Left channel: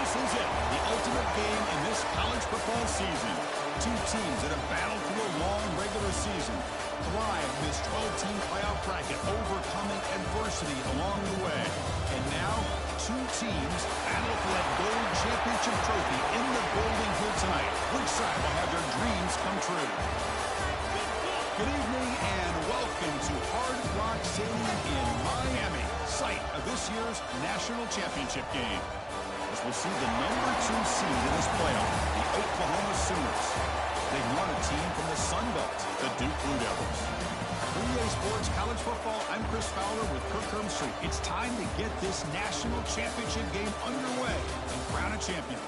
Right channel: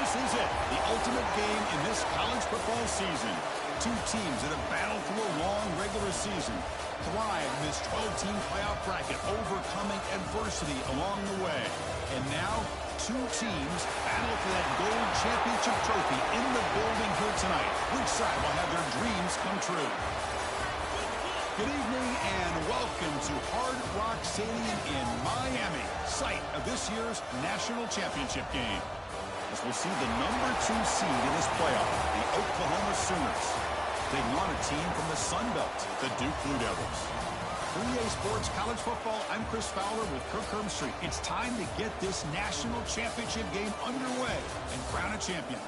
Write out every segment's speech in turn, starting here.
This is it, the ultimate game in this college football season. Two teams that have battled through a long regular season, thrive in this 12-team playoff bracket, overcoming adversity along the way. And now, two teams battle for that gold championship trophy in the building here tonight. Which side will have their dreams come true? Good evening and welcome to Hard Rock Stadium in Miami, site of this year's national championship game. As we'll see the number 2 seed in this playoff, the Oklahoma Sooners, taking on a team from the Sun Belt, the Duke Blue Devils. For EA Sports College Football, I'm Chris Fowler with Kirk Herbstreit. It's time to get this national championship game underway and crown a champion.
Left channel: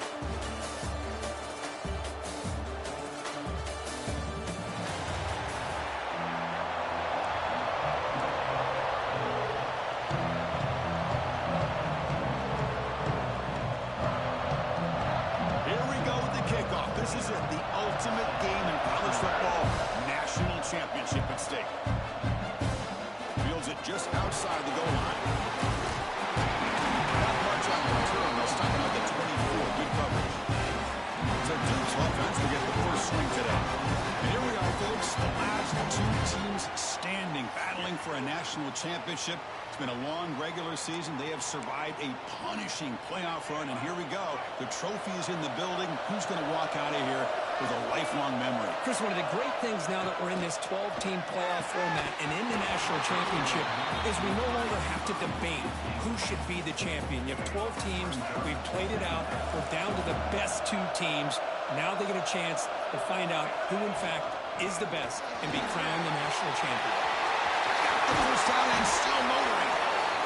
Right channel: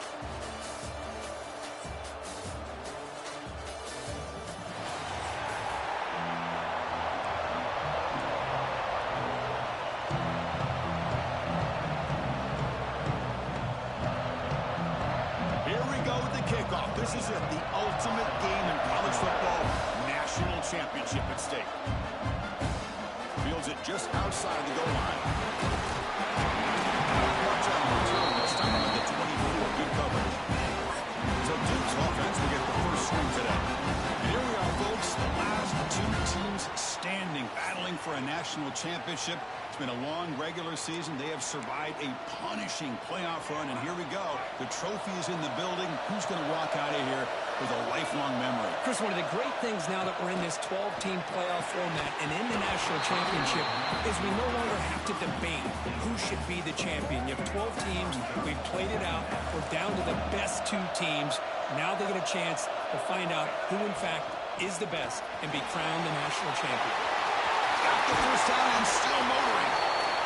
This is it, the ultimate game in college football, national championship at stake. Fields it just outside the goal line. Not much on the return. They'll stop him at the 24. Good coverage. So Duke's offense will get the first swing today. And here we are, folks, the last two teams standing, battling for a national championship. It's been a long regular season. They have survived a punishing playoff run, and here we go. The trophy is in the building. Who's going to walk out of here with a lifelong memory? Chris, one of the great things now that we're in this 12-team playoff format and in the national championship is we no longer have to debate who should be the champion. You have 12 teams. We've played it out. We're down to the best 2 teams. Now they get a chance to find out who, in fact, is the best and be crowned the national champion. Got the first down and still motoring.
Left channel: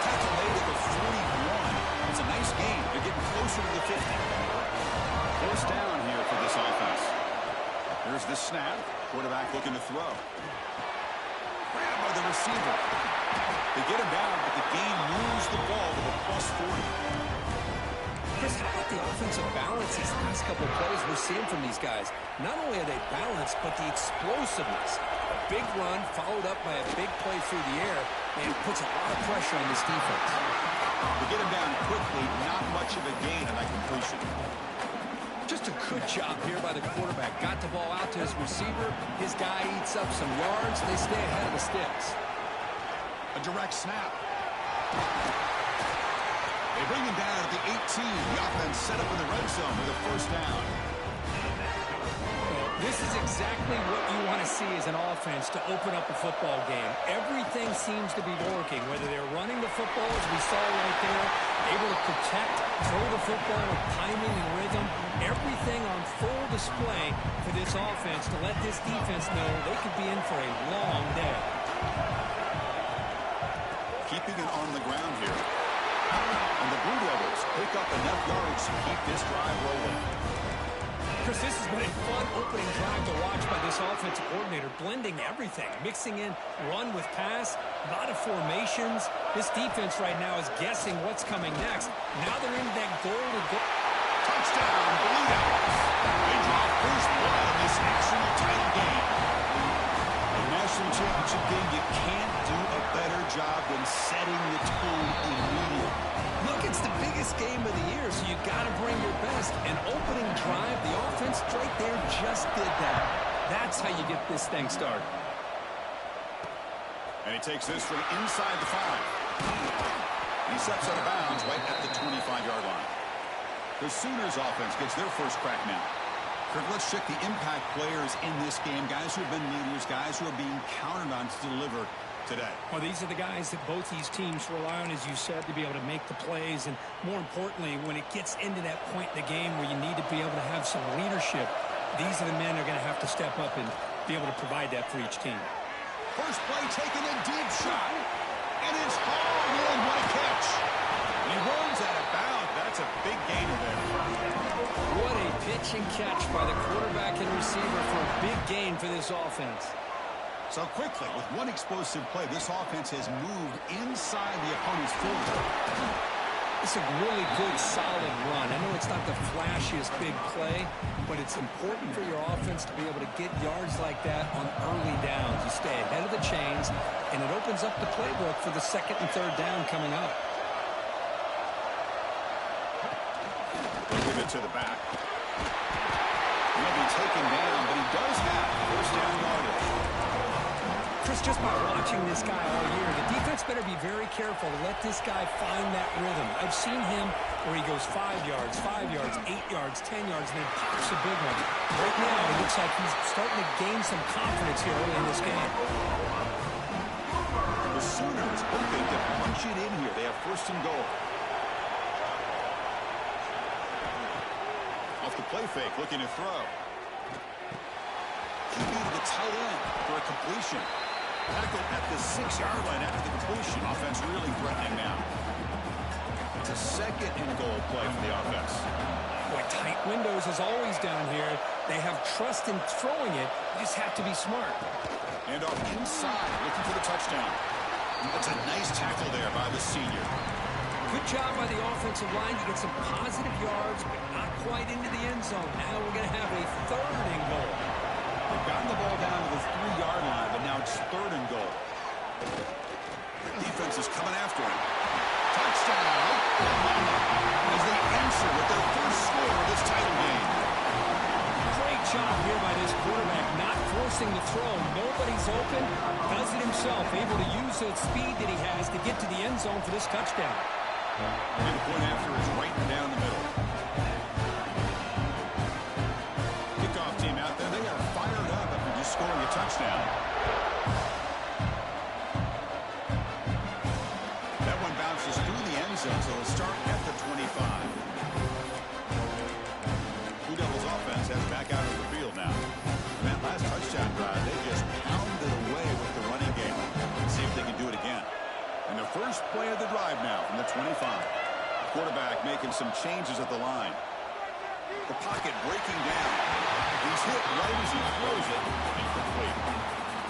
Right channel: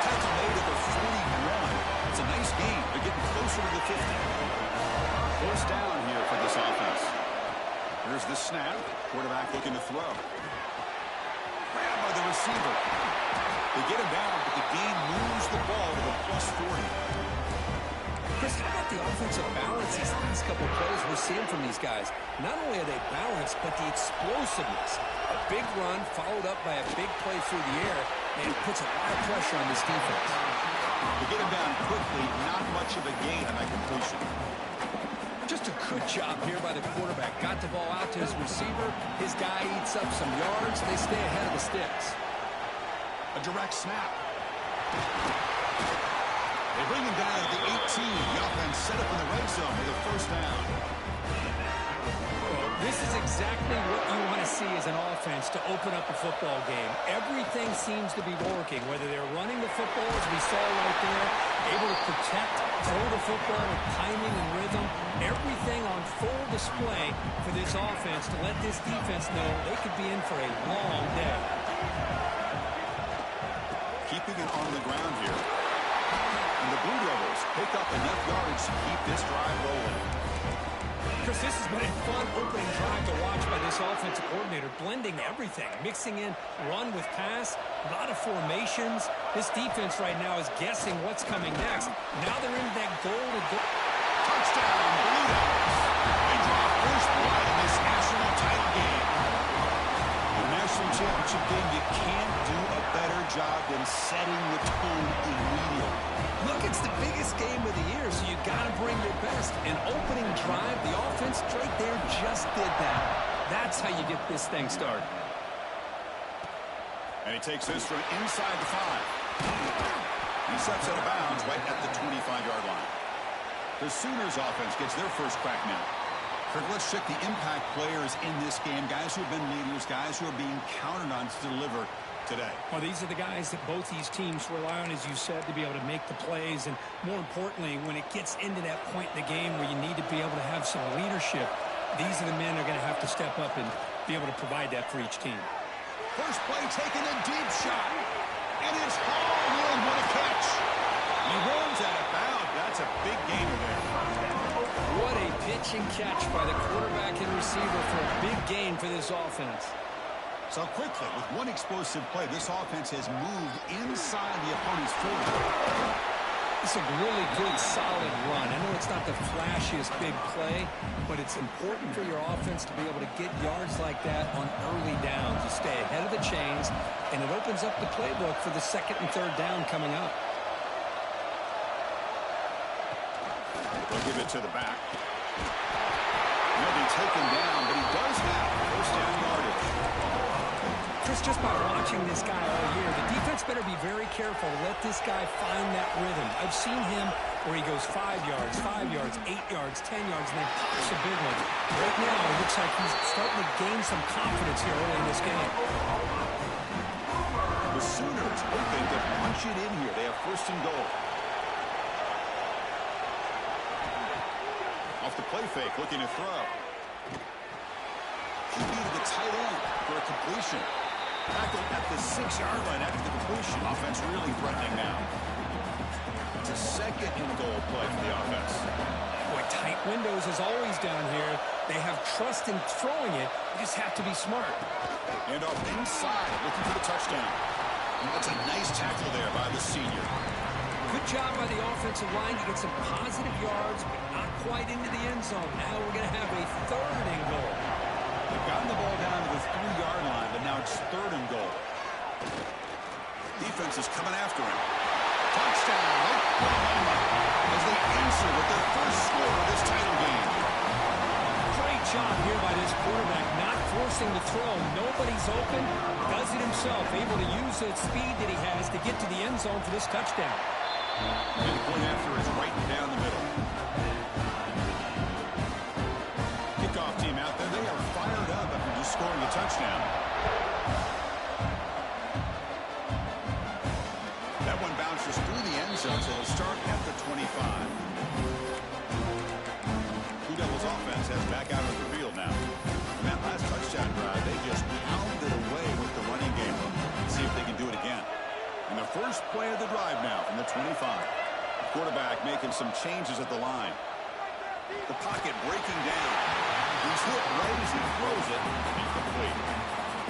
Tackle made at the 41. It's a nice gain. They're getting closer to the 50. First down here for this offense. Here's the snap. Quarterback looking to throw. Grab by the receiver. They get him down, but the gain moves the ball to the plus 40. Chris, how about the offensive balance these last couple of plays we're seeing from these guys? Not only are they balanced, but the explosiveness. A big run followed up by a big play through the air, and puts a lot of pressure on this defense. To get him down quickly, not much of a gain on that completion. Just a good job here by the quarterback. Got the ball out to his receiver. His guy eats up some yards. They stay ahead of the sticks. A direct snap. They bring him down at the 18. The offense set up in the red zone with a first down. Well, this is exactly what you want to see as an offense to open up a football game. Everything seems to be working, whether they're running the football, as we saw right there, able to protect, throw the football with timing and rhythm. Everything on full display for this offense to let this defense know they could be in for a long day. Keeping it on the ground here. And the Blue Devils pick up enough yardage to keep this drive rolling. Chris, this has been a fun opening drive to watch by this offensive coordinator, blending everything, mixing in run with pass, a lot of formations. This defense right now is guessing what's coming next. Now they're into that goal-to-goal. Touchdown, Blue Devils. They draw first blood in this national title game. In the national championship game, you can't do a better job than setting the tone immediately. Look, it's the biggest game of the year, so you got to bring your best. An opening drive, the offense right there just did that. That's how you get this thing started. And he takes this from inside the 5. He steps out of bounds right at the 25-yard line. The Sooners offense gets their first crack now. Kirk, let's check the impact players in this game, guys who have been leaders, guys who are being counted on to deliver today. Well, these are the guys that both these teams rely on, as you said, to be able to make the plays. And more importantly, when it gets into that point in the game where you need to be able to have some leadership, these are the men that are going to have to step up and be able to provide that for each team. First play taken, a deep shot. And it's hauled in. What a catch. He runs out of bounds. That's a big gainer there. What a pitch and catch by the quarterback and receiver for a big gain for this offense. So quickly, with one explosive play, this offense has moved inside the opponent's 40. It's a really good, solid run. I know it's not the flashiest big play, but it's important for your offense to be able to get yards like that on early downs. You stay ahead of the chains, and it opens up the playbook for the second and third down coming up. to the back. He'll be taken down, but he does have first down yardage. Chris, just by watching this guy all year, the defense better be very careful to let this guy find that rhythm. I've seen him where he goes 5 yards, 8 yards, 10 yards, and then pops a big one. Right now, it looks like he's starting to gain some confidence here early in this game. The Sooners hoping to punch it in here. They have first and goal. Off the play fake, looking to throw. QB to the tight end for a completion. Tackled at the 6-yard line after the completion. Offense really threatening now. It's a second and goal play for the offense. Boy, tight windows as always down here. They have trust in throwing it. You just have to be smart. And off inside, looking for the touchdown. That's a nice tackle there by the senior. Good job by the offensive line to get some positive yards, but not quite into the end zone. Now we're going to have a third and goal. They've gotten the ball down to the 3-yard line, but now it's third and goal. Defense is coming after him. Touchdown, Oklahoma, as they answer with their first score of this title game. Great job here by this quarterback, not forcing the throw. Nobody's open, does it himself, able to use the speed that he has to get to the end zone for this touchdown. And the point after is right down the middle. Kickoff team out there, they are fired up after just scoring a touchdown. That one bounces through the end zone, so it'll start at the 25. Blue Devils offense has back out of the field now. And that last touchdown drive, they just pounded away with the running game. Let's see if they can do it again. And the first play of the drive now from the 25. The quarterback making some changes at the line. The pocket breaking down. He's hit right as he throws it. Incomplete.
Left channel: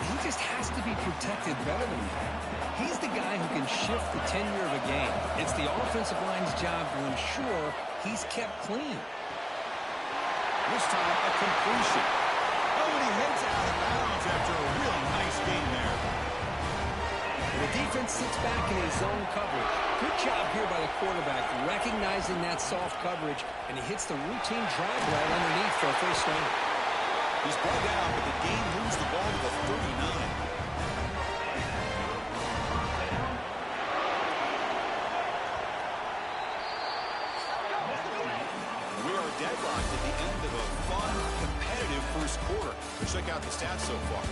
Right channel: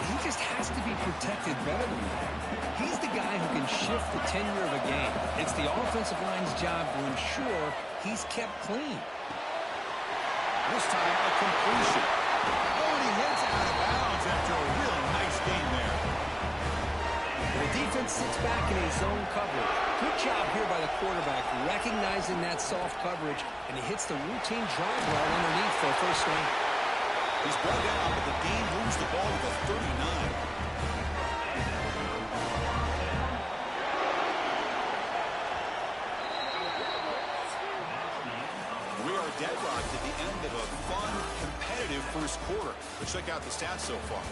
He just has to be protected better than that. He's the guy who can shift the tenure of a game. It's the offensive line's job to ensure he's kept clean. This time a completion. Oh, and he heads out of bounds after a really nice game there. The defense sits back in his zone coverage. Good job here by the quarterback, recognizing that soft coverage, and he hits the routine drive route underneath for a first down. He's brought down, but the game moves the ball to the 39. We are deadlocked at the end of a fun, competitive first quarter. Let's check out the stats so far.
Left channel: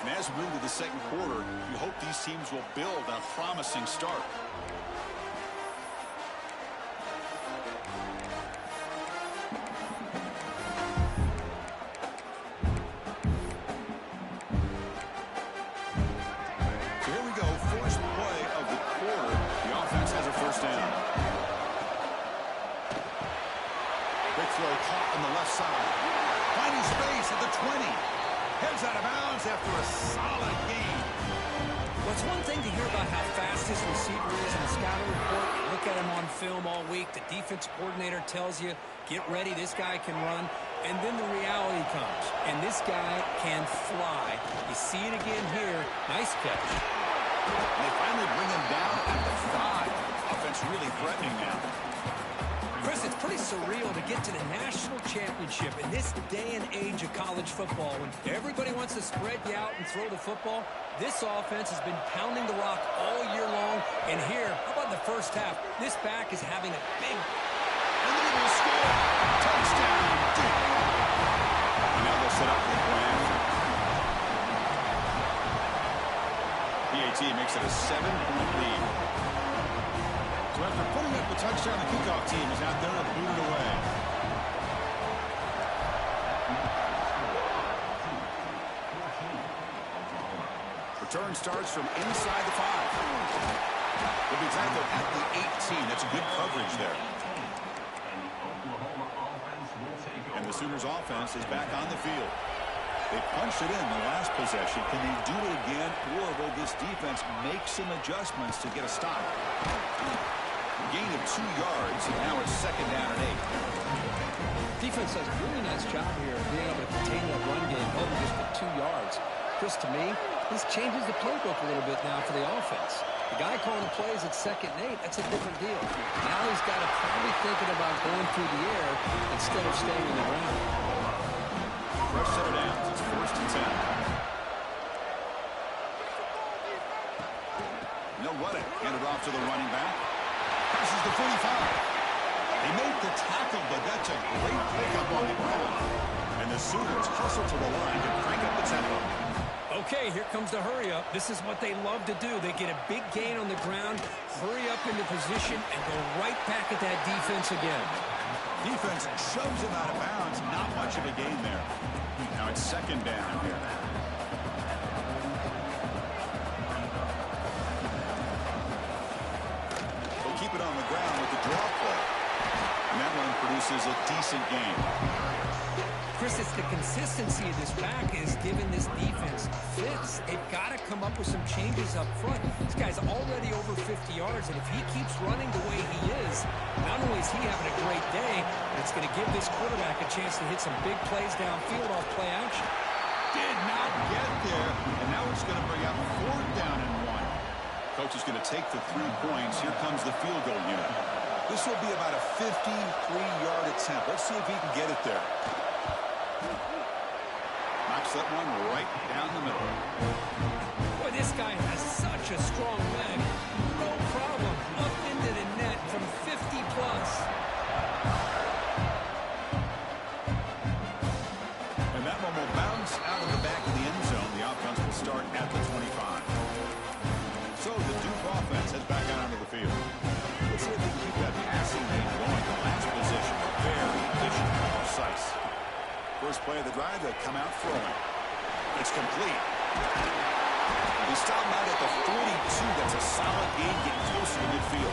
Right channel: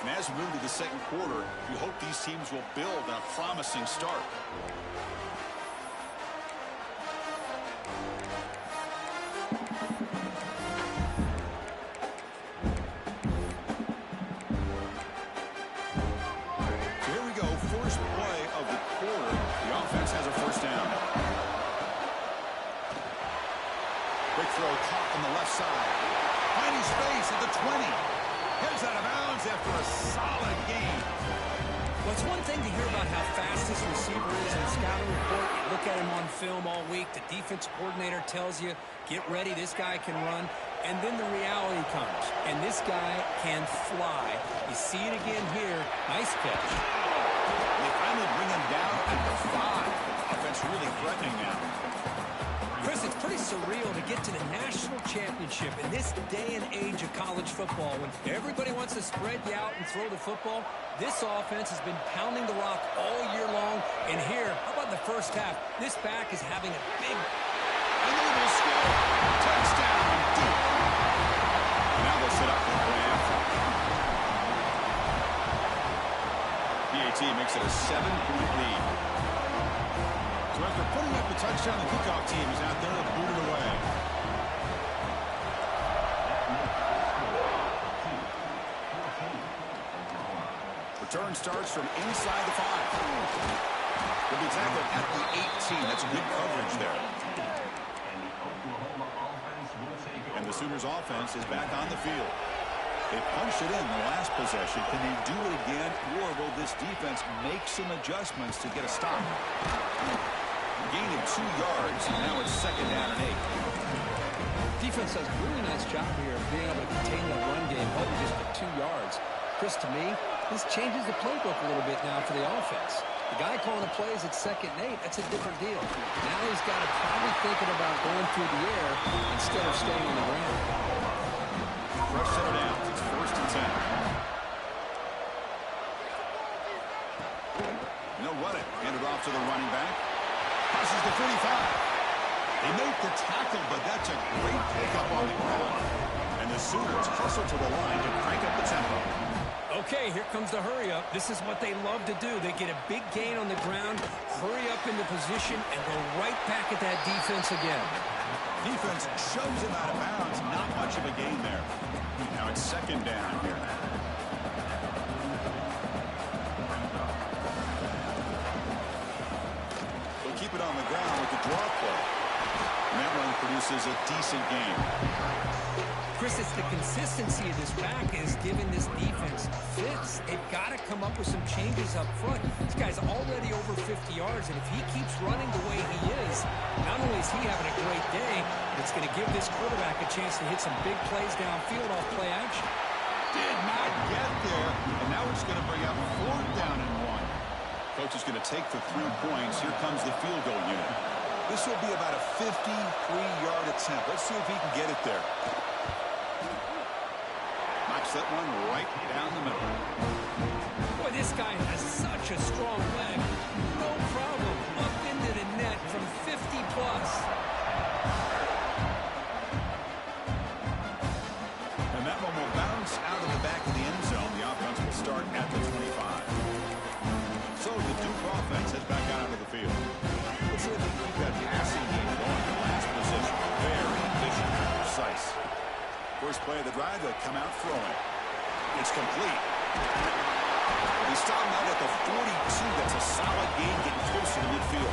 And as we move to the second quarter, you hope these teams will build on a promising start. So here we go, first play of the quarter. The offense has a first down. Quick throw caught on the left side. Finding space at the 20. Heads out of bounds after a solid game. Well, it's one thing to hear about how fast this receiver is in the scouting report. You look at him on film all week. The defense coordinator tells you, get ready, this guy can run. And then the reality comes, and this guy can fly. You see it again here. Nice catch. And they finally bring him down at the 5. Offense really threatening now. Chris, it's pretty surreal to get to the national championship in this day and age of college football when everybody wants to spread you out and throw the football. This offense has been pounding the rock all year long. And here, how about in the first half? This back is having a big... And they will score. Touchdown, Duke. And now they'll set up for the point after. PAT makes it a 7-point lead. So after putting up the touchdown, the kickoff team is out there to boot it away. Return starts from inside the 5. They'll be tackled at the 18. That's good coverage there. And the Sooners offense is back on the field. They punched it in the last possession. Can they do it again, or will this defense make some adjustments to get a stop? Gain of 2 yards, and now it's second down and 8. Defense does a really nice job here of being able to contain that run game, holding just the 2 yards. Chris, to me, this changes the playbook a little bit now for the offense. The guy calling the plays at 2nd and 8, that's a different deal. Now he's got to probably thinking about going through the air instead of staying on the ground. Fresh set of downs. It's 1st and 10. And they'll run it. Hand it off to the running back. Passes the 45. They make the tackle, but that's a great pickup on the ground. And the Sooners hustle to the line to crank up the tempo. Okay, here comes the hurry up. This is what they love to do. They get a big gain on the ground, hurry up into position, and go right back at that defense again. Defense shoves him out of bounds. Not much of a gain there. Now it's 2nd down here. They'll keep it on the ground with the draw play. And that run produces a decent gain. Chris, it's the consistency of this back is giving this defense fits. They've got to come up with some changes up front. This guy's already over 50 yards, and if he keeps running the way he is, not only is he having a great day, but it's going to give this quarterback a chance to hit some big plays downfield off play action. Did not get there, and now it's going to bring up 4th down and 1. Coach is going to take the 3 points. Here comes the field goal unit. This will be about a 53-yard attempt. Let's see if he can get it there. Knocks that one right down the middle. Boy, this guy has such a strong leg. No problem. Up into the net from 50+. And that one will bounce out of the back of the end zone. The offense will start at the 25. So the Duke offense heads back out onto the field. Let's see if they can keep that passing game going. The last position, very efficient and precise. First play of the drive, they'll come out throwing. It's complete. They stop him out at the 42. That's a solid gain, getting closer to midfield.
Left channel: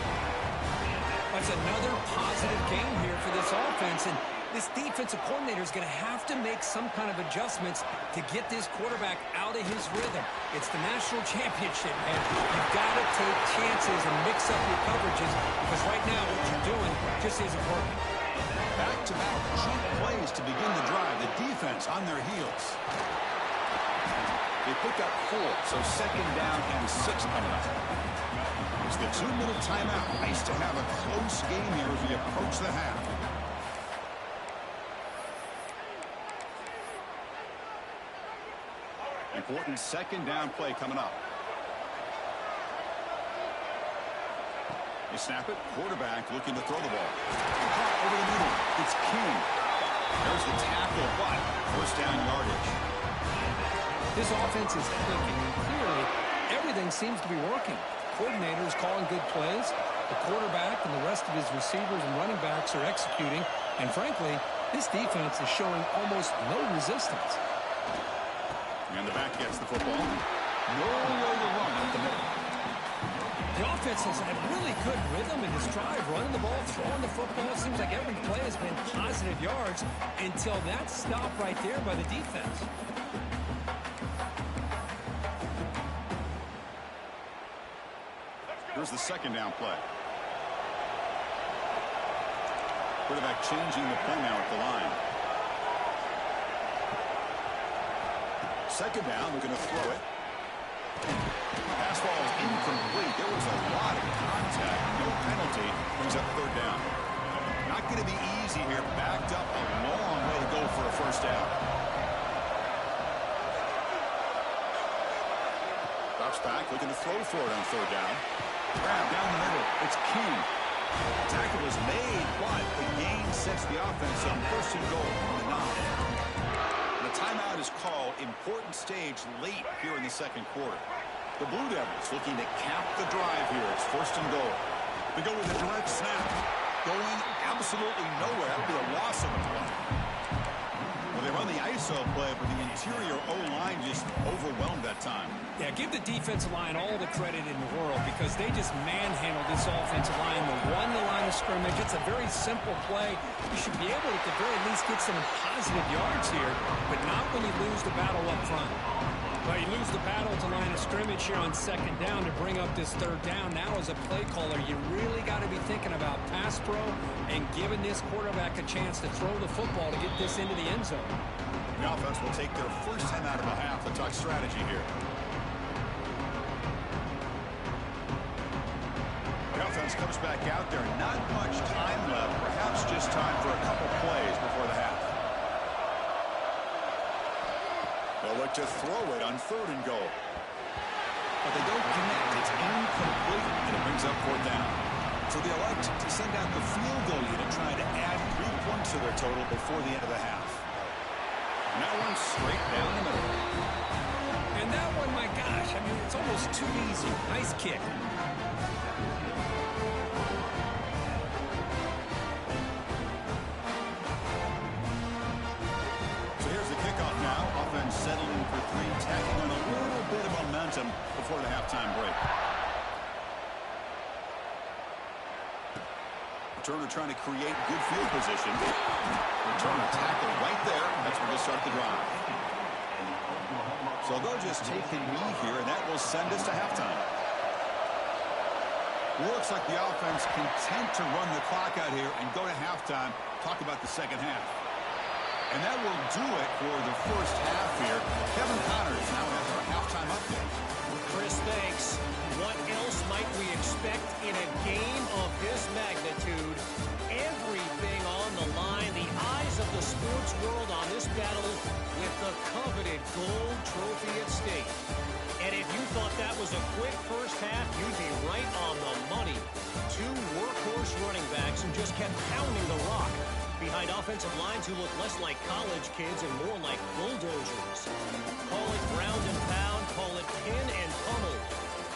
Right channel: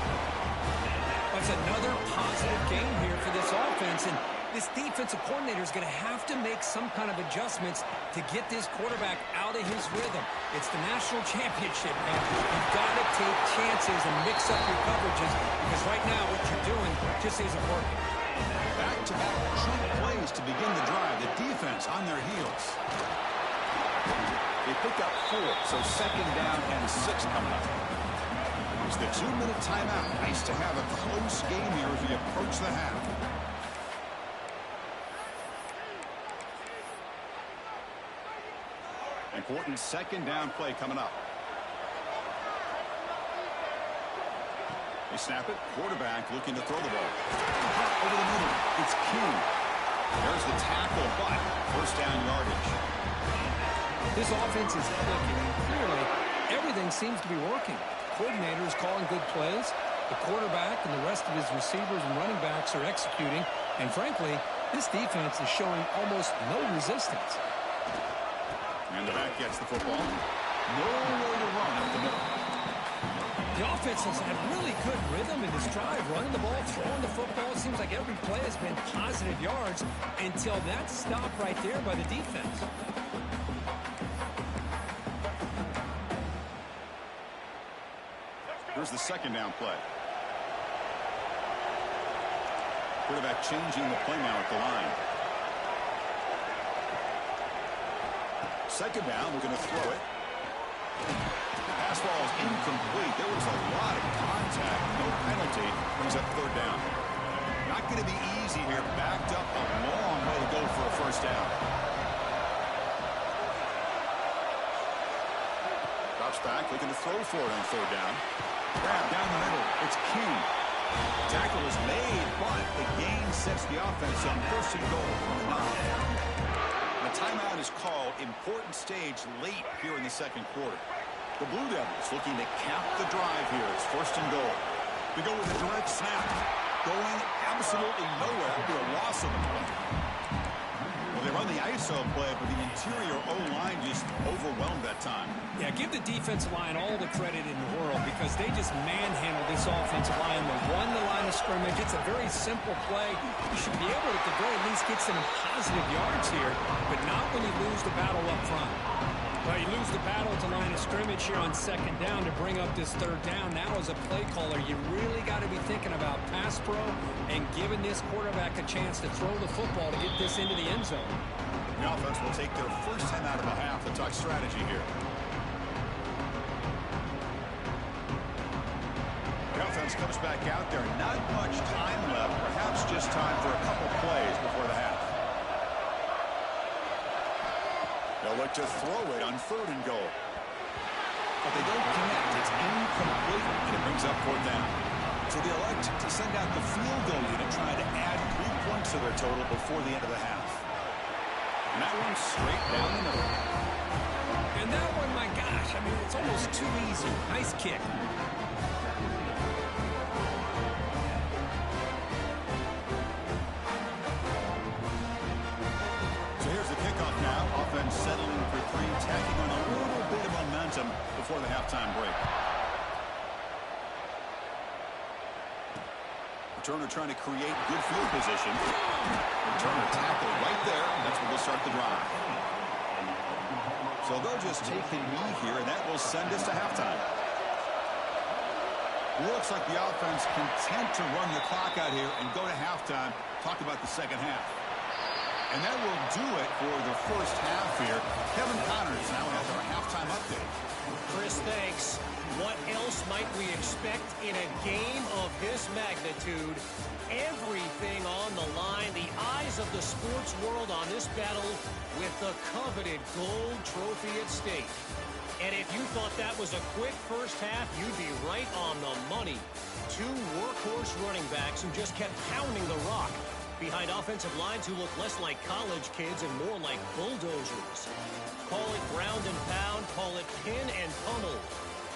That's another positive game here for this offense, and this defensive coordinator is going to have to make some kind of adjustments to get this quarterback out of his rhythm. It's the national championship, man. You've got to take chances and mix up your coverages because right now what you're doing just isn't working. Back-to-back chunk plays to begin the drive. The defense on their heels. They pick up 4, so 2nd down and 6 coming up. It's the 2-minute timeout. Nice to have a close game here as we approach the half. Important 2nd down play coming up. They snap it. Quarterback looking to throw the ball. Caught over the middle. It's King. There's the tackle, but 1st down yardage. This offense is clicking, and clearly everything seems to be working. The coordinator is calling good plays. The quarterback and the rest of his receivers and running backs are executing. And frankly, this defense is showing almost no resistance. And the back gets the football. Nowhere to run up the middle. The offense has had really good rhythm in this drive, running the ball, throwing the football. It seems like every play has been positive yards until that stop right there by the defense. Here's the 2nd down play. Quarterback changing the play now at the line. 2nd down, looking to throw it. Pass ball is incomplete. There was a lot of contact. No penalty. Brings up 3rd down. Not going to be easy here. Backed up a long way to go for a 1st down. Drops back, looking to throw for it on 3rd down. Grab down the middle. It's King. Tackle is made, but the gain sets the offense on 1st and goal on the 9. The timeout is called. Important stage late here in the 2nd quarter. The Blue Devils looking to cap the drive here. It's 1st and goal. They go with a direct snap. Going absolutely nowhere after a loss of the play. Well, they run the ISO play, but the interior O-line just overwhelmed that time. Yeah, give the defensive line all the credit in the world because they just manhandled this offensive line. They won the line of scrimmage. It's a very simple play. You should be able to, at the very least, get some positive yards here, but not when you lose the battle up front. Well, you lose the battle to line of scrimmage here on 2nd down to bring up this 3rd down. Now, as a play caller, you really got to be thinking about pass pro and giving this quarterback a chance to throw the football to get this into the end zone. The offense will take their first time out of the half to talk strategy here. The offense comes back out there. Not much time left. Perhaps just time for a couple plays before the half. They'll look to throw it on 3rd and goal. But they don't connect. It's incomplete, and it brings up 4th down. So they elect to send out the field goal unit, trying to add 3 points to their total before the end of the half. And that one's straight down the middle. And that one, my gosh, I mean, it's almost too easy. Nice kick. So here's the kickoff now. Offense settling for 3, tacking on a little bit of momentum before the halftime break. Returner trying to create good field position. Returner tackle right there. That's where they'll start the drive. So they'll just take a knee here, and that will send us to halftime. Looks like the offense content to run the clock out here and go to halftime. Talk about the second half. And that will do it for the first half here. Kevin Connors now has our halftime update. Chris, thanks. What else might we expect in a game of this magnitude? Everything on the line. The eyes of the sports world on this battle with the coveted gold trophy at stake. And if you thought that was a quick first half, you'd be right on the money. 2 workhorse running backs who just kept pounding the rock behind offensive lines who look less like college kids and more like bulldozers. Call it ground and pound, call it pin and pummel.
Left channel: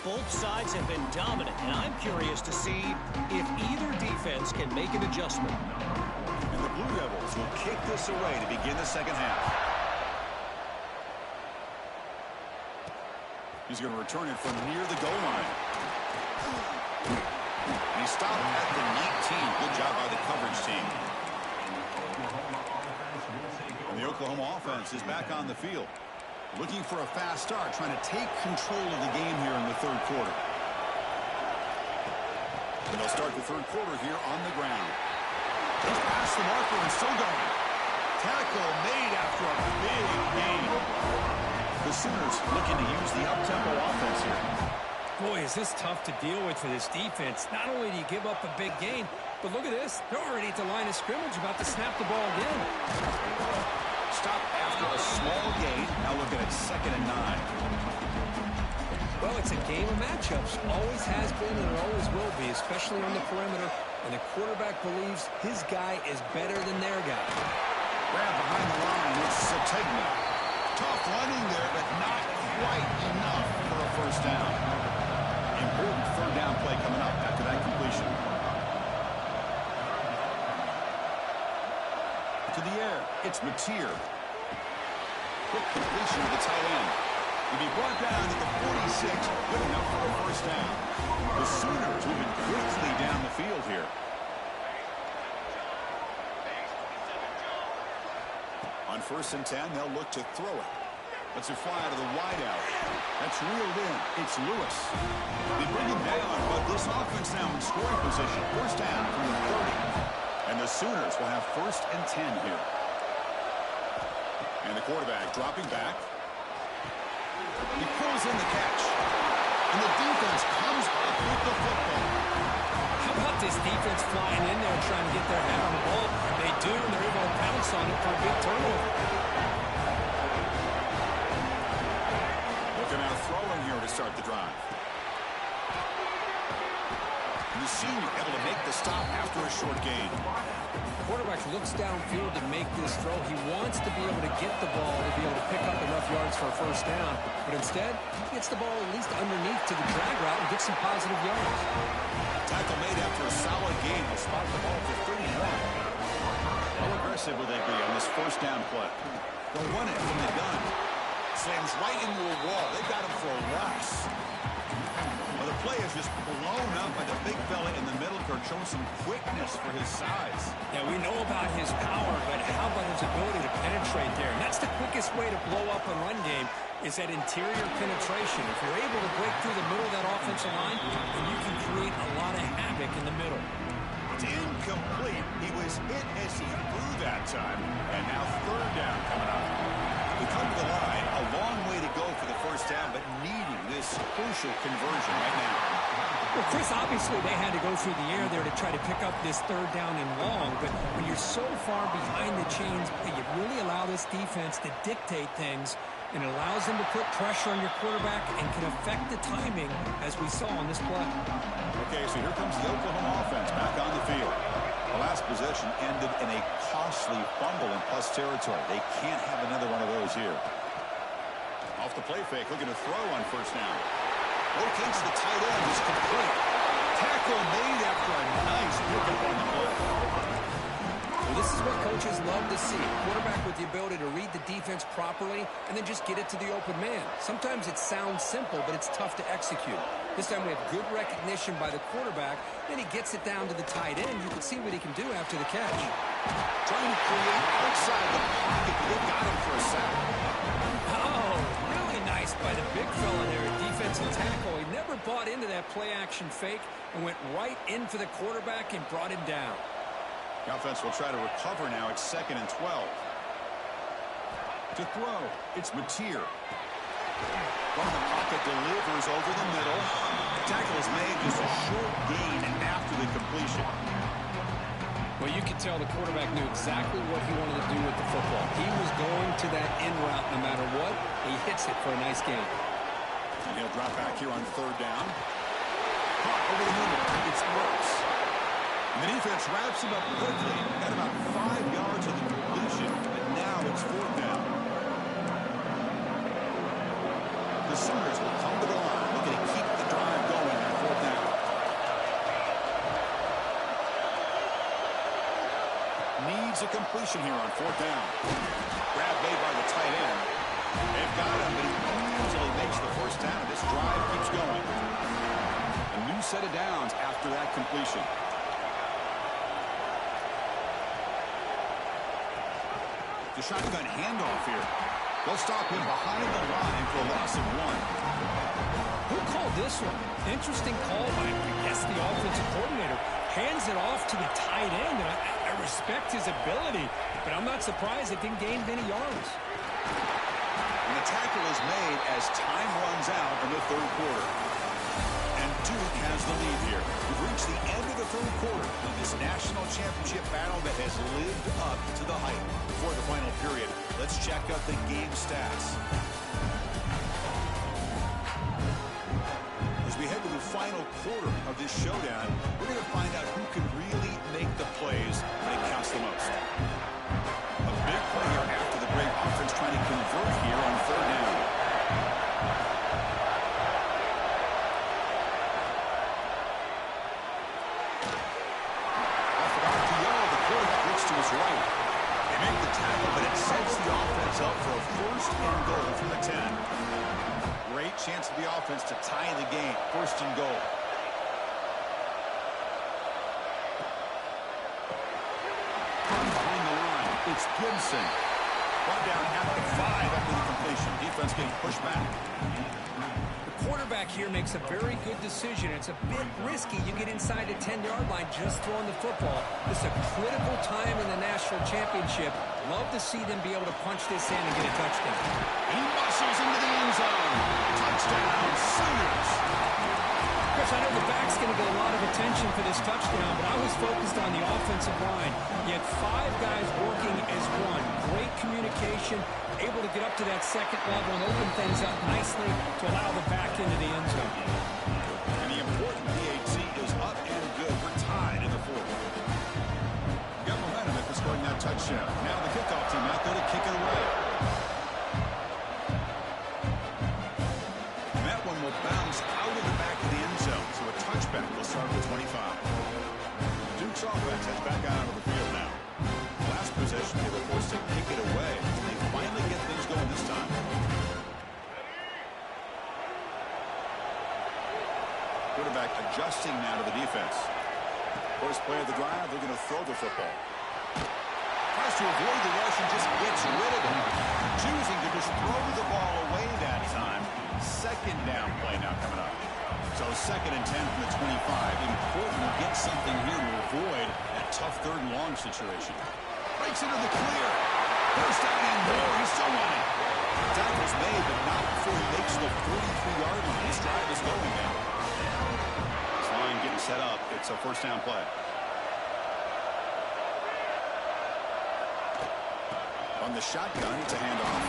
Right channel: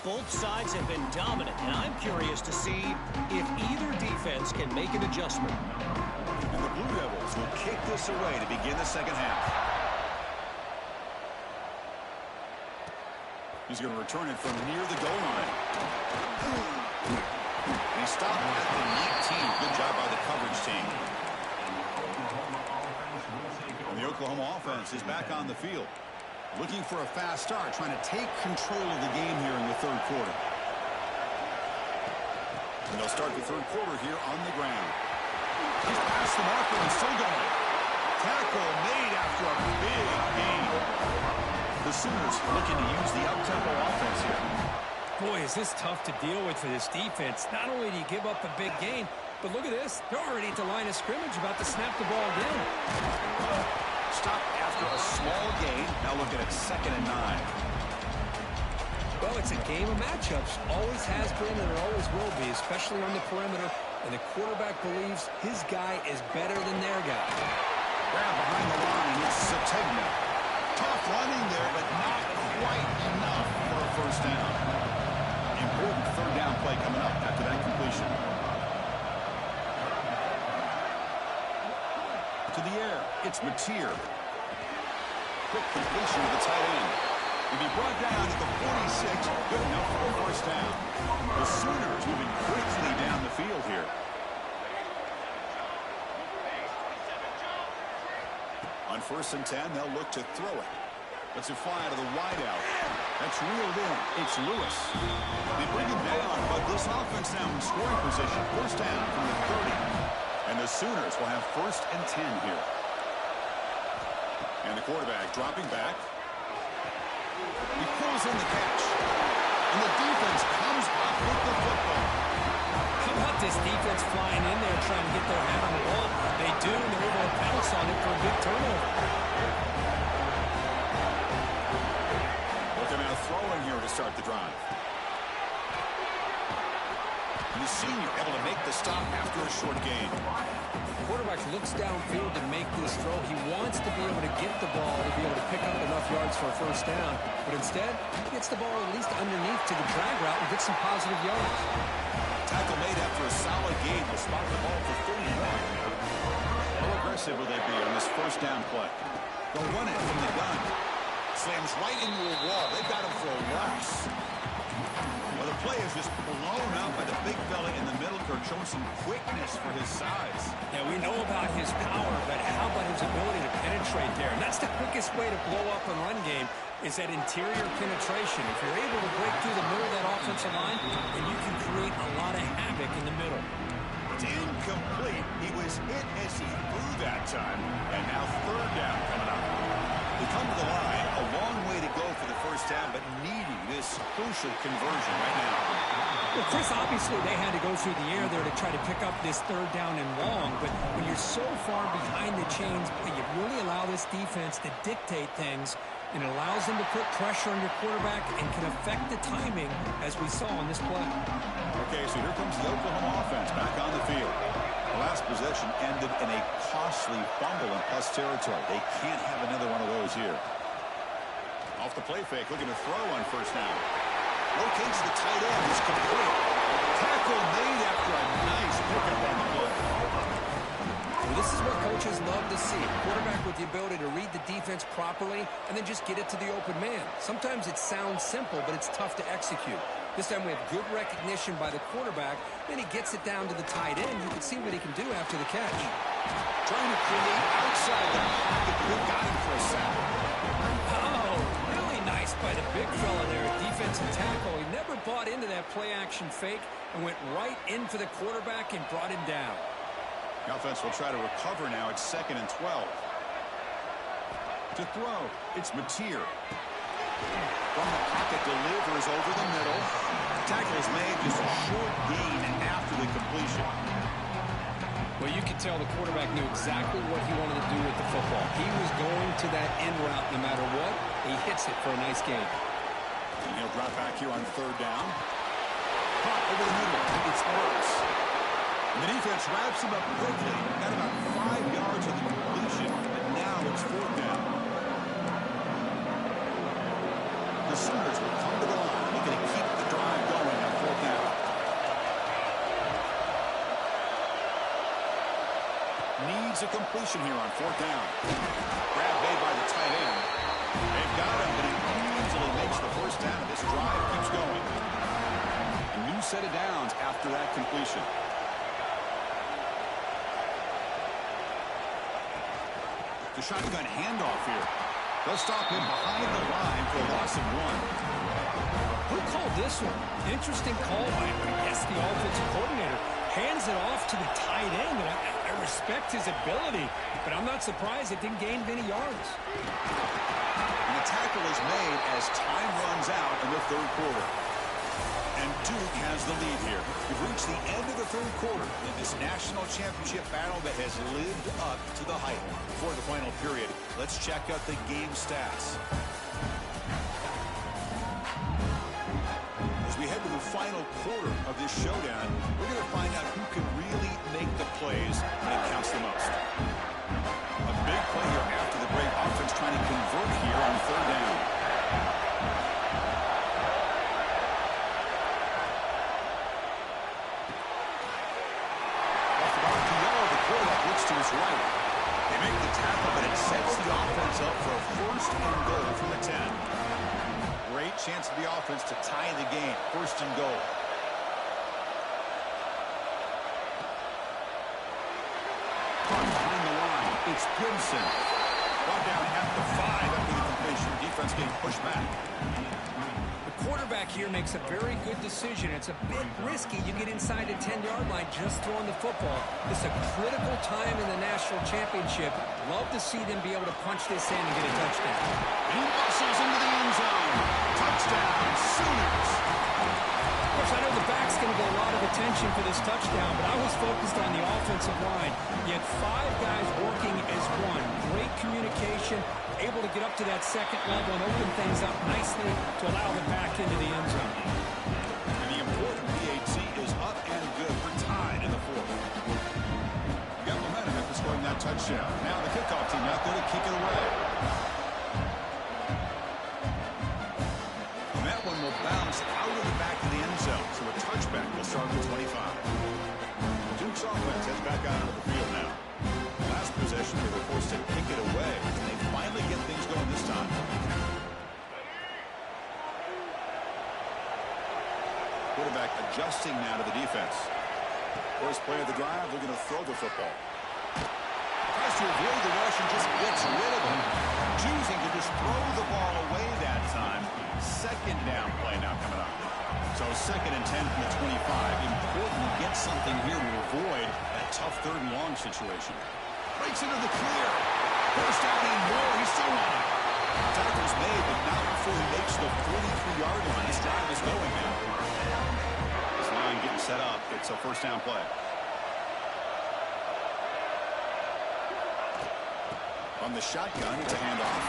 Both sides have been dominant, and I'm curious to see if either defense can make an adjustment. And the Blue Devils will kick this away to begin the second half. He's going to return it from near the goal line. And he stopped at the 19. Good job by the coverage team. And the Oklahoma offense is back on the field. Looking for a fast start, trying to take control of the game here in the 3rd quarter. And they'll start the 3rd quarter here on the ground. He's past the marker and still going. Tackle made after a big gain. The Sooners looking to use the up-tempo offense here. Boy, is this tough to deal with for this defense. Not only do you give up a big gain, but look at this. They're already at the line of scrimmage about to snap the ball again. Stop after a small gain. Now looking at 2nd and 9. Well, it's a game of matchups. Always has been and it always will be, especially on the perimeter. And the quarterback believes his guy is better than their guy. Grab behind the line. It's Sategna. Tough running there, but not quite enough for a first down. Important 3rd down play coming up after that completion. To the air, it's Mateer. Quick completion to the tight end. He'll be brought down at the 46. Good enough for a first down. The Sooners moving quickly down the field here. On 1st and 10, they'll look to throw it. Let's it fly out of the wideout. That's reeled in. It's Lewis. They bring him down, but this offense now in scoring position. First down from the 30. And the Sooners will have 1st and 10 here. And the quarterback dropping back. He pulls in the catch. And the defense comes up with the football. How about this defense flying in there trying to get their hand on the ball? They do, and they're able to pounce on it for a big turnover. Looking out throwing here to start the drive. And the senior able to make the stop after a short gain. Quarterback looks downfield to make this throw. He wants to be able to get the ball to be able to pick up enough yards for a first down. But instead, he gets the ball at least underneath to the drag route and gets some positive yards. Tackle made after a solid gain. Will spot the ball for 31. How aggressive will they be on this first down play? They'll run it from the gun. Slams right into a wall. They've got him for a loss. Well, the play is just blown up by the big fella in the middle, Kirk, showing some quickness for his size. Yeah, we know about his power, but how about his ability to penetrate there? And that's the quickest way to blow up a run game, is that interior penetration. If you're able to break through the middle of that offensive line, then you can create a lot of havoc in the middle. It's incomplete. He was hit as he threw that time. And now third down coming up. We come to the line, a long way to go for the first down, but needing this crucial conversion right now. Well, Chris, obviously they had to go through the air there to try to pick up this third down and long, but when you're so far behind the chains, you really allow this defense to dictate things, and it allows them to put pressure on your quarterback and can affect the timing, as we saw on this play. Okay, so here comes the Oklahoma offense back on the field. The last possession ended in a costly fumble in plus territory. They can't have another one of those here. Off the play fake, looking to throw on first down. Locates the tight end. It's complete. Tackle made after a nice pickup on the play. Well, this is what coaches love to see. Quarterback with the ability to read the defense properly and then just get it to the open man. Sometimes it sounds simple, but it's tough to execute. This time we have good recognition by the quarterback. Then he gets it down to the tight end. You can see what he can do after the catch. Trying to create outside the pocket, but they got him for a sack. Oh, really nice by the big fella there, defensive tackle. He never bought into that play-action fake and went right in for the quarterback and brought him down. The offense will try to recover now. It's 2nd and 12. To throw, it's Mateer. From the pocket, delivers over the middle. Tackle is made, just a short gain after the completion. Well, you could tell the quarterback knew exactly what he wanted to do with the football. He was going to that in route no matter what. He hits it for a nice gain. And he'll drop back here on third down. Caught over the middle. It's Burks. And the defense wraps him up quickly. Got about 5 yards of the completion, but now it's fourth down. The Sooners will come to the line, looking to keep the drive going on fourth down. Needs a completion here on fourth down. Grab made by the tight end. They've got him, but he easily makes the first down, and this drive keeps going. A new set of downs after that completion. The shotgun handoff here. They'll stop him behind the line for a loss of 1. Who called this one? Interesting call by, I guess, the offensive coordinator. Hands it off to the tight end, and I respect his ability, but I'm not surprised it didn't gain many yards. And the tackle is made as time runs out in the third quarter. And Duke has the lead here. We've reached the end of the third quarter in this national championship battle that has lived up to the hype. Before the final period, let's check out the game stats. As we head to the final quarter of this showdown, we're going to find out who can really make the plays when it counts the most. A big play here after the break. Offense trying to convert here on third down. To his right. They make the tackle, but it sets the offense up for a first and goal from the 10. Great chance of the offense to tie the game. First and goal. Caught behind the line. It's Gibson. Brought down at the 5 after the completion. Defense getting pushed back. The quarterback here makes a very good decision. It's a bit risky. You get inside the 10-yard line just throwing the football. This is a critical time in the national championship. Love to see them be able to punch this in and get a touchdown. He muscles into the end zone. Touchdown, Sooners. Chris, I know the back's going to get a lot of attention for this touchdown, but I was focused on the offensive line. You had 5 guys working as one. Great communication, able to get up to that second level and open things up nicely to allow the back into the end zone. And the important PAT is up and good. We're tied in the fourth. We got momentum after scoring that touchdown. Now the kickoff team out there to kick it away. And that one will bounce out of the back of the end zone. So a touchback will start at the 25. Duke's offense heads back out onto the field now. Last possession, they were forced to kick it away, and they finally get things going this time. Quarterback adjusting now to the defense. First play of the drive, looking to throw the football. Tries to avoid the rush and just gets rid of it. Choosing to just throw the ball away that time. Second down play now coming up. So 2nd and 10 from the 25. Important to get something here to avoid that tough 3rd and long situation. Breaks into the clear. First down and more. He's still running. Tackle's made, but not before he makes the 43-yard line. His drive is going now. This line getting set up. It's a first down play. On the shotgun, it's a handoff.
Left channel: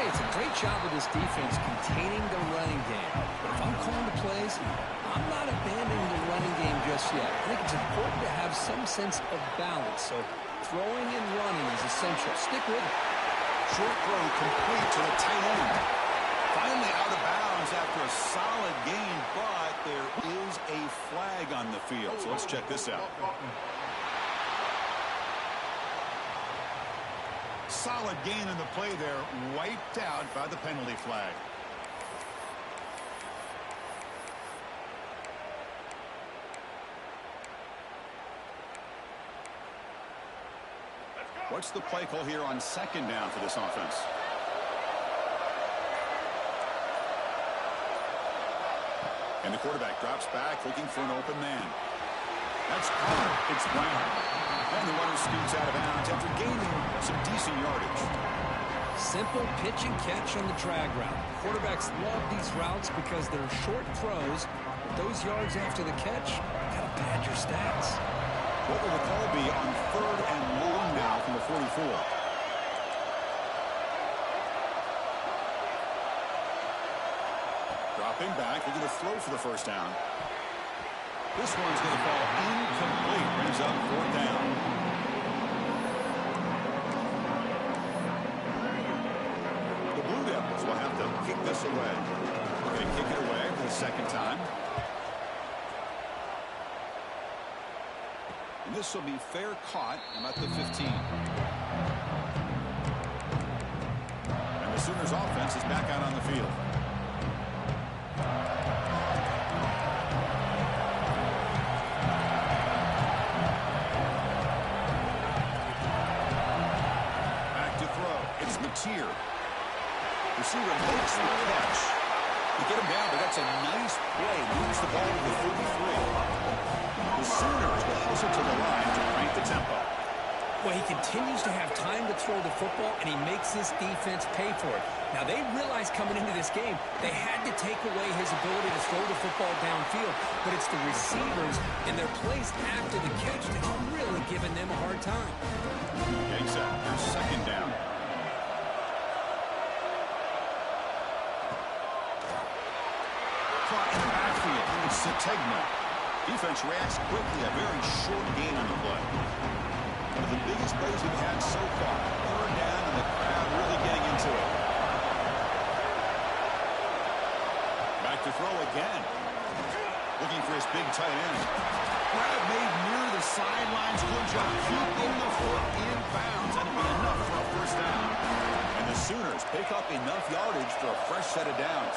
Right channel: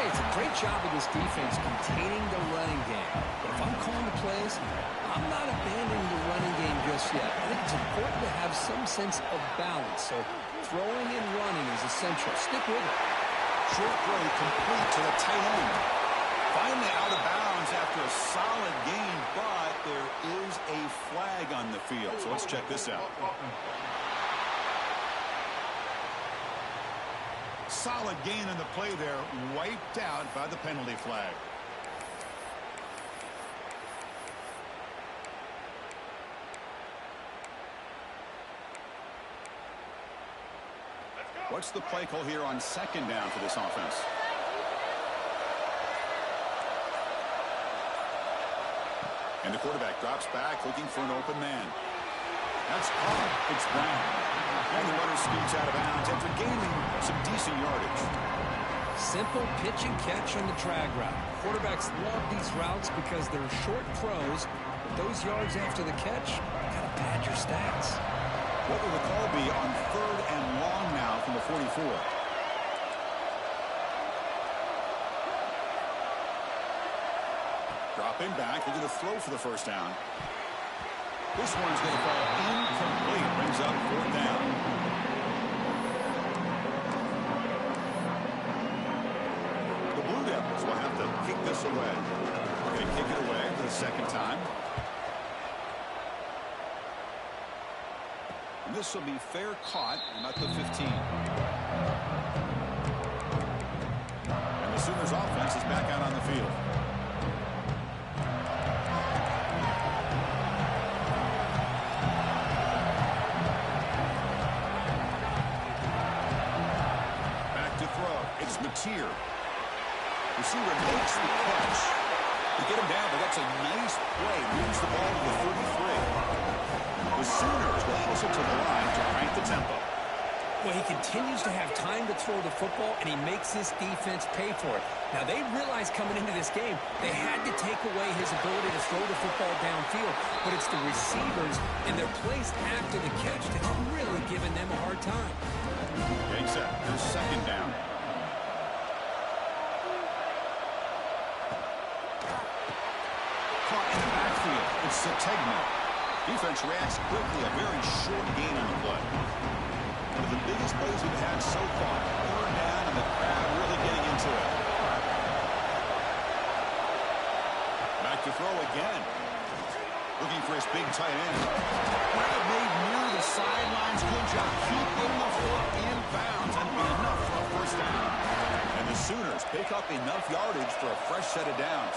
Hey, it's a great job of this defense containing the running game. But if I'm calling the plays, I'm not abandoning the running game just yet. I think it's important to have some sense of balance. So throwing and running is essential. Stick with it. Short throw complete to the tight end. Finally out of bounds after a solid gain, but there is a flag on the field. So let's check this out. Solid gain in the play there, wiped out by the penalty flag. What's the play call here on 2nd down for this offense? And the quarterback drops back looking for an open man. That's Carr. It's Brown. And the runner scoots out of bounds after gaining some decent yardage. Simple pitch and catch on the drag route. Quarterbacks love these routes because they're short throws. But those yards after the catch gotta pad your stats. What will the call be on 3rd and long now from the 44? Dropping back, looking to throw for the first down. This one's going to fall incomplete. Brings up 4th down. The Blue Devils will have to kick this away. We're going to kick it away for the 2nd time. And this will be fair caught about the 15. And the Sooners offense is back out on the field. It's Mateer. Receiver makes the catch. You get him down, but that's a nice play. Moves the ball to the 33. The Sooners will hustle to the line to crank the tempo. Well, he continues to have time to throw the football, and he makes this defense pay for it. Now, they realized coming into this game, they had to take away his ability to throw the football downfield, but it's the receivers and their plays after the catch that's really giving them a hard time. Getting set. Here's 2nd down. Caught in the backfield. It's Sategna. Defense reacts quickly. A very short gain on the play. One of the biggest plays we've had so far. 3rd down, and the crowd really getting into it. Back to throw again. Looking for his big tight end. Grab made near the sidelines. Good job keeping the foot in bounds. That'll be enough for a first down. And the Sooners pick up enough yardage for a fresh set of downs.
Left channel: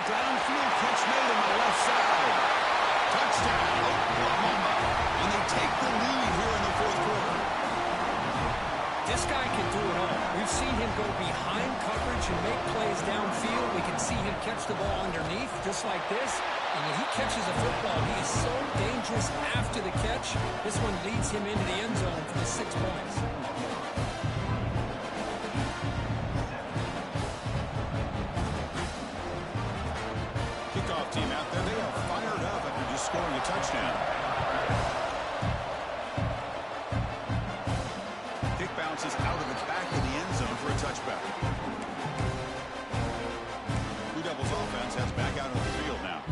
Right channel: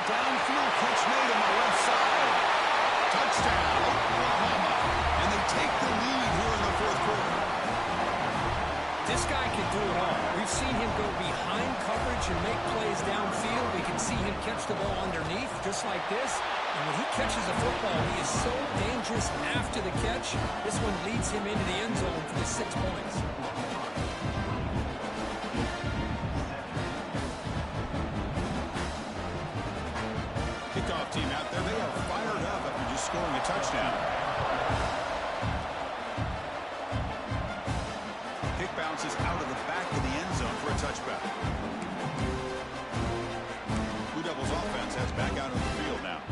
Downfield catch made on the left side. Touchdown, Oklahoma. And they take the lead here in the 4th quarter. This guy can do it all. We've seen him go behind coverage and make plays downfield. We can see him catch the ball underneath, just like this. And when he catches a football, he is so dangerous after the catch. This one leads him into the end zone for the 6 points. Kickoff team out there, they are fired up after just scoring a touchdown. Kick bounces out of the back of the end zone for a touchback. Blue Devils offense heads back out on the field now.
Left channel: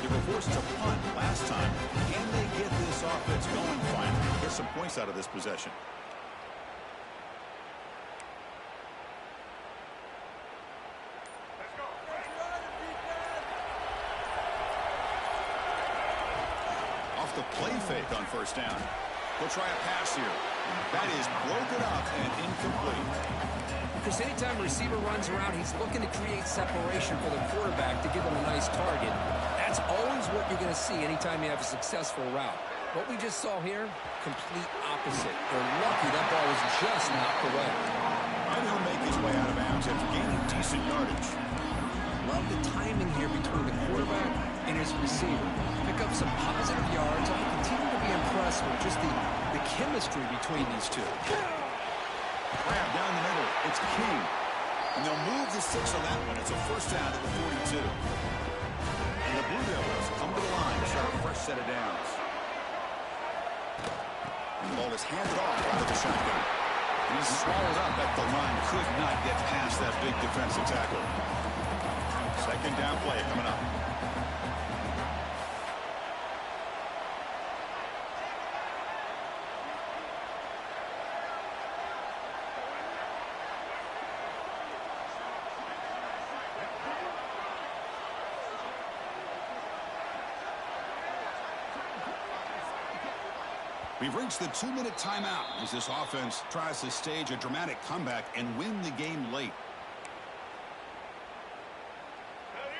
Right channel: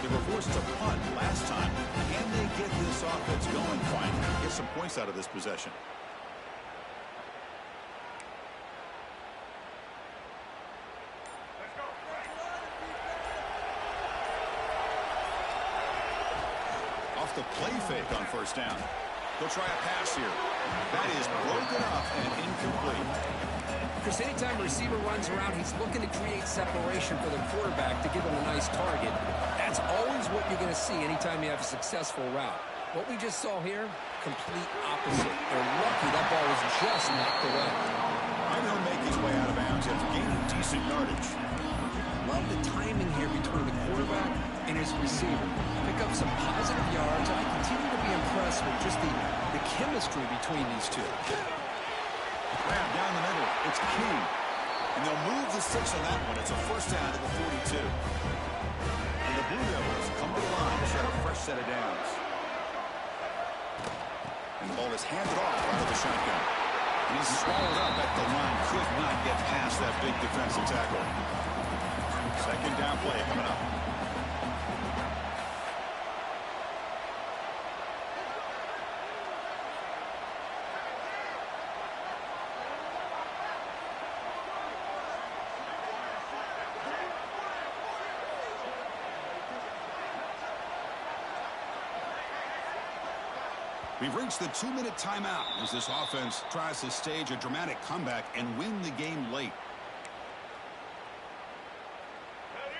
They were forced to punt last time. Can they get this offense going finally? Get some points out of this possession. Off the play fake on first down. He'll try a pass here. That is broken up and incomplete. Chris, anytime a receiver runs around, he's looking to create separation for the quarterback to give him a nice target. That's always what you're going to see anytime you have a successful route. What we just saw here, complete opposite. They're lucky that ball was just knocked away. And he'll make his way out of bounds after gaining decent yardage. Love the timing here between the quarterback and his receiver. Pick up some positive yards. I continue to be impressed with just the chemistry between these two. Grab down the middle. It's King. And they'll move the 6 on that one. It's a first down to the 42. And the Blue Devils come to the line to start a fresh set of downs. And the ball is handed off out of the shotgun. And he's swallowed up at the line. Could not get past that big defensive tackle. Second down play coming up. We've reached the 2-minute timeout as this offense tries to stage a dramatic comeback and win the game late.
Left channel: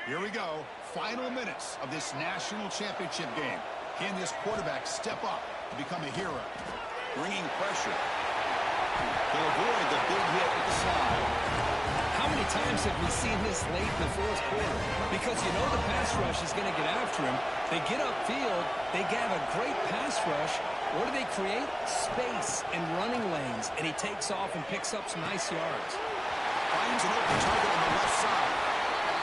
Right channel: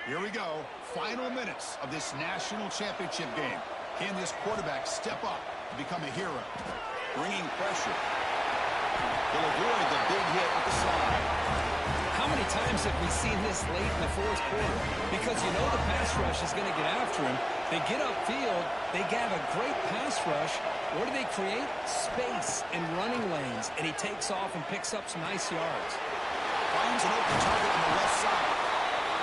Here we go. Final minutes of this national championship game. Can this quarterback step up to become a hero? Bringing pressure. He'll avoid the big hit with the slide. How many times have we seen this late in the fourth quarter? Because you know the pass rush is going to get after him. They get upfield. They have a great pass rush. What do they create? Space and running lanes. And he takes off and picks up some nice yards. Finds an open target on the left side.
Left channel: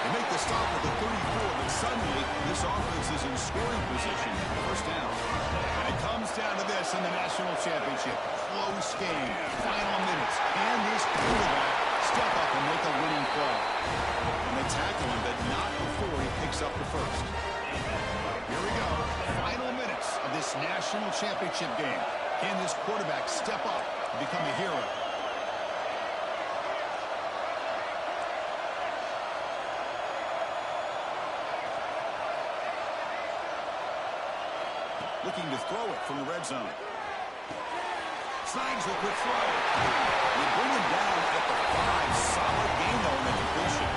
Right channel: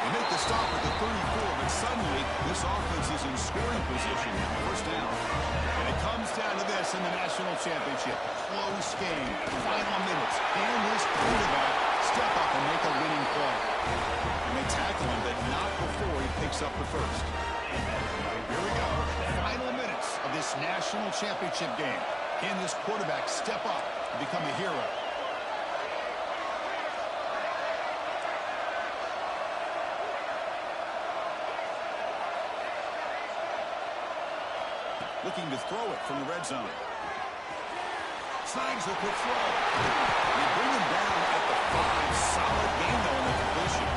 They make the stop at the 34, but suddenly this offense is in scoring position at first down. And it comes down to this in the national championship. Close game. Final minutes. Can this quarterback step up and make a winning play? And they tackle him, but not before he picks up the first. Here we go. Final minutes of this national championship game. Can this quarterback step up and become a hero? Looking to throw it from the red zone. Snags a quick throw. You bring him down at the 5. Solid game, though, in the completion.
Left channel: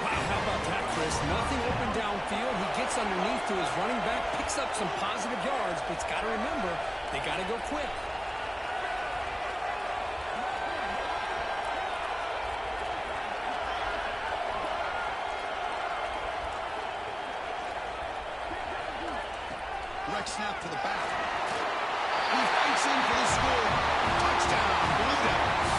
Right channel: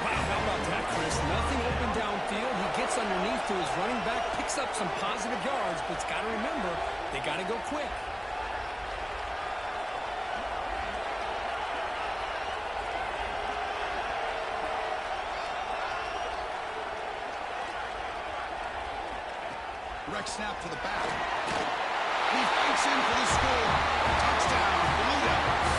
Wow, how about that, Chris? Nothing open downfield. He gets underneath to his running back, picks up some positive yards, but it's got to remember, they got to go quick. Direct snap to the back. He fights in for the score. Touchdown, Blue Devils.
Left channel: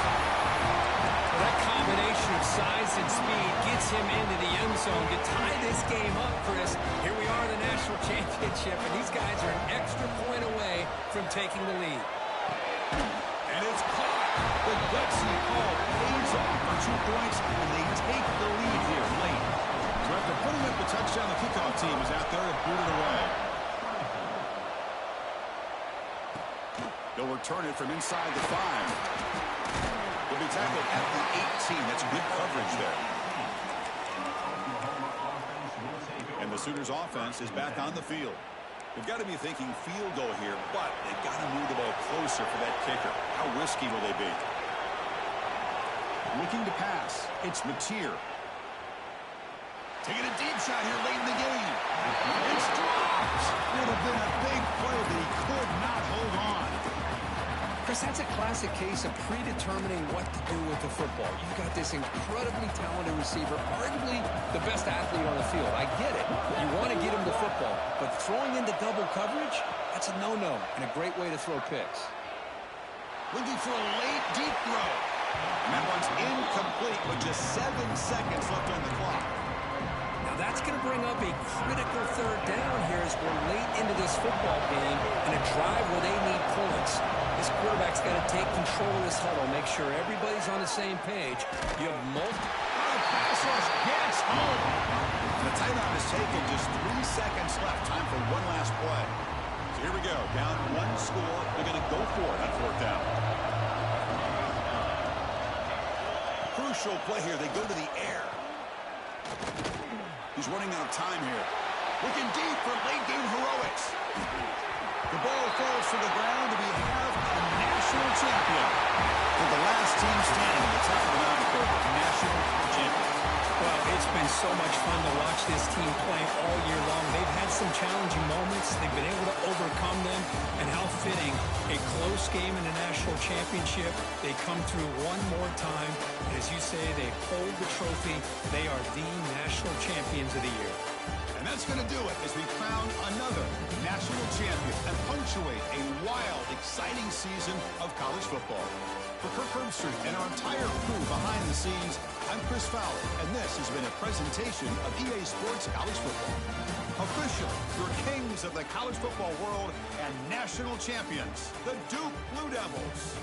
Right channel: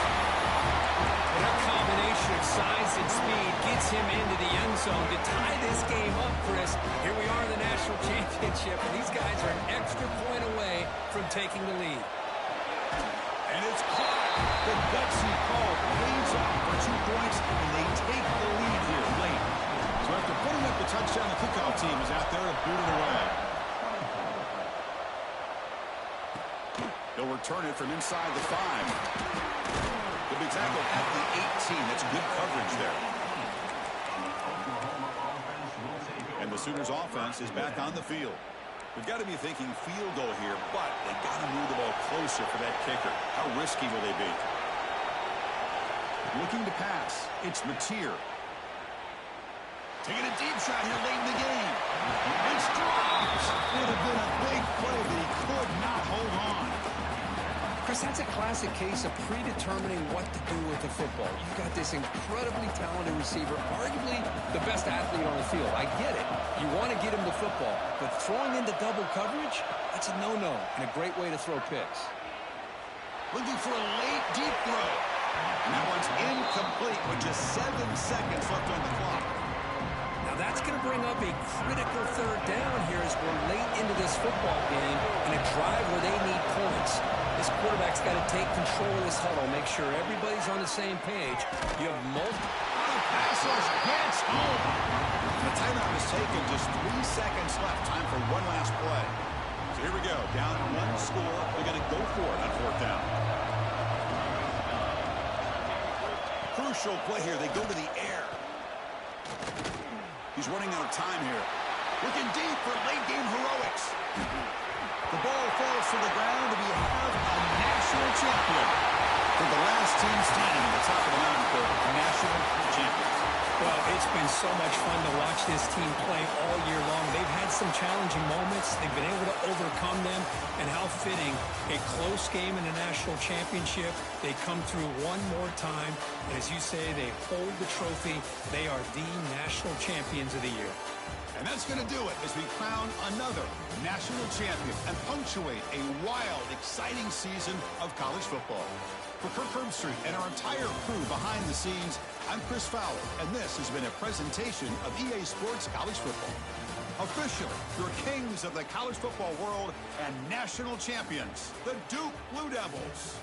Well, that combination of size and speed gets him into the end zone to tie this game up, Chris. Here we are in the national championship, and these guys are an extra point away from taking the lead. And it's caught. The gutsy call pays off for 2 points, and they take the lead here late. So after putting up the touchdown, the kickoff team is out there to boot it away. They'll return it from inside the 5. They'll be tackled at the 18. That's good coverage there. And the Sooners offense is back on the field. They've got to be thinking field goal here, but they've got to move the ball closer for that kicker. How risky will they be? Looking to pass. It's Mateer. Taking a deep shot here late in the game. It's dropped. Would have been a big play, but he could not hold on. Chris, that's a classic case of predetermining what to do with the football. You've got this incredibly talented receiver, arguably the best athlete on the field. I get it. You want to get him the football, but throwing into double coverage, that's a no-no and a great way to throw picks. Looking for a late, deep throw. And that one's incomplete with just 7 seconds left on the clock. Now that's going to bring up a critical third down here as we're late into this football game and a drive where they need points. This quarterback's got to take control of this huddle, make sure everybody's on the same page. You have multiple. The pass rush gets home. The timeout is taken. Just 3 seconds left. Time for one last play. So here we go. Down 1 score. They're going to go for it on 4th down. Crucial play here. They go to the air. He's running out of time here. Looking deep for late-game heroics. The ball falls to the ground, and we have a national champion. For the last team standing, the for national champions. Well, it's been so much fun to watch this team play all year long. They've had some challenging moments. They've been able to overcome them. And how fitting, a close game in a national championship. They come through one more time. And as you say, they hold the trophy. They are the national champions of the year. And that's going to do it as we crown another national champion and punctuate a wild, exciting season of college football. For Kirk Herbstreit and our entire crew behind the scenes, I'm Chris Fowler, and this has been a presentation of EA Sports College Football. Officially, your kings of the college football world and national champions, the Duke Blue Devils.